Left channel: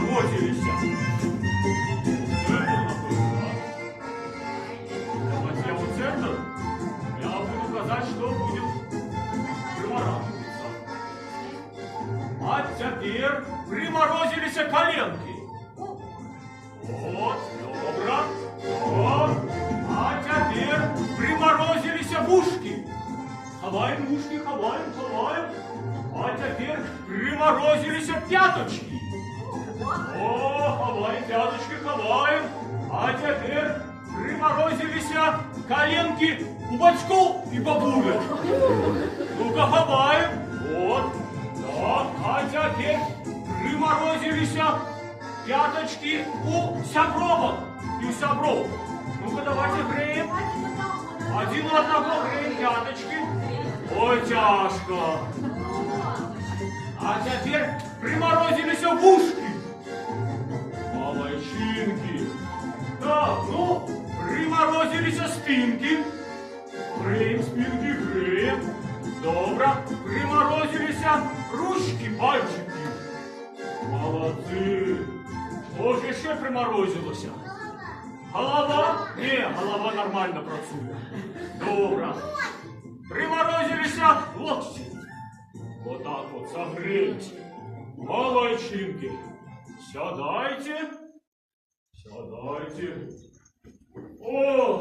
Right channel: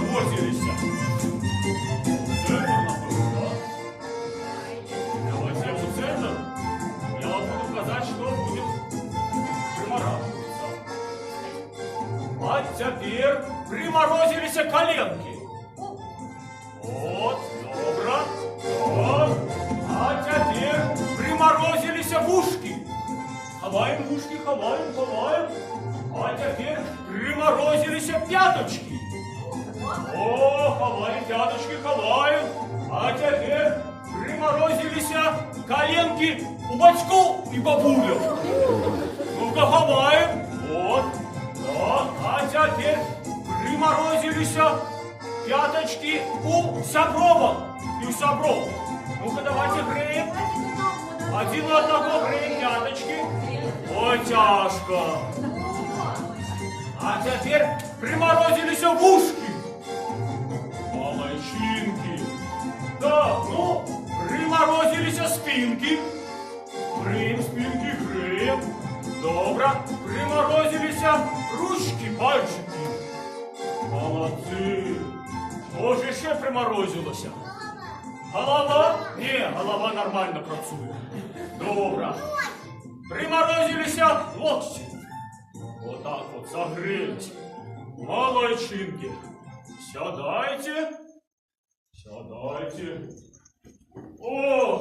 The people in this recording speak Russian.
приморозились. Центр, напевно, да? Давайте я у центр. Я буду казать, что будет примораживаться. А теперь приморозились коленки. Вот, добро. Вот. А теперь приморозились ушки. Ховаем ушки, ховаем, ховаем. А теперь приморозились пяточки. О, ховаем пяточки, ховаем. А теперь приморозились коленки у батьков и бабулек. Ну-ка, ховаем. Вот. Так, а теперь приморозились пяточки у сабровок и у сабров. Ну-ка, давайте греем. Один от одного греем пяточки. Ой, тяжко. А теперь приморозились ушки. Молодчинки. Так, ну, приморозились спинки. Греем спинки, греем. Добро. Приморозились ручки, пальчики. Молодцы. Что же еще приморозилось? Голова? Не, голова нормально працює. Добро. Приморозились локти. Вот так вот согрелись. Молодчинки. Сядайте. Сядайте. О!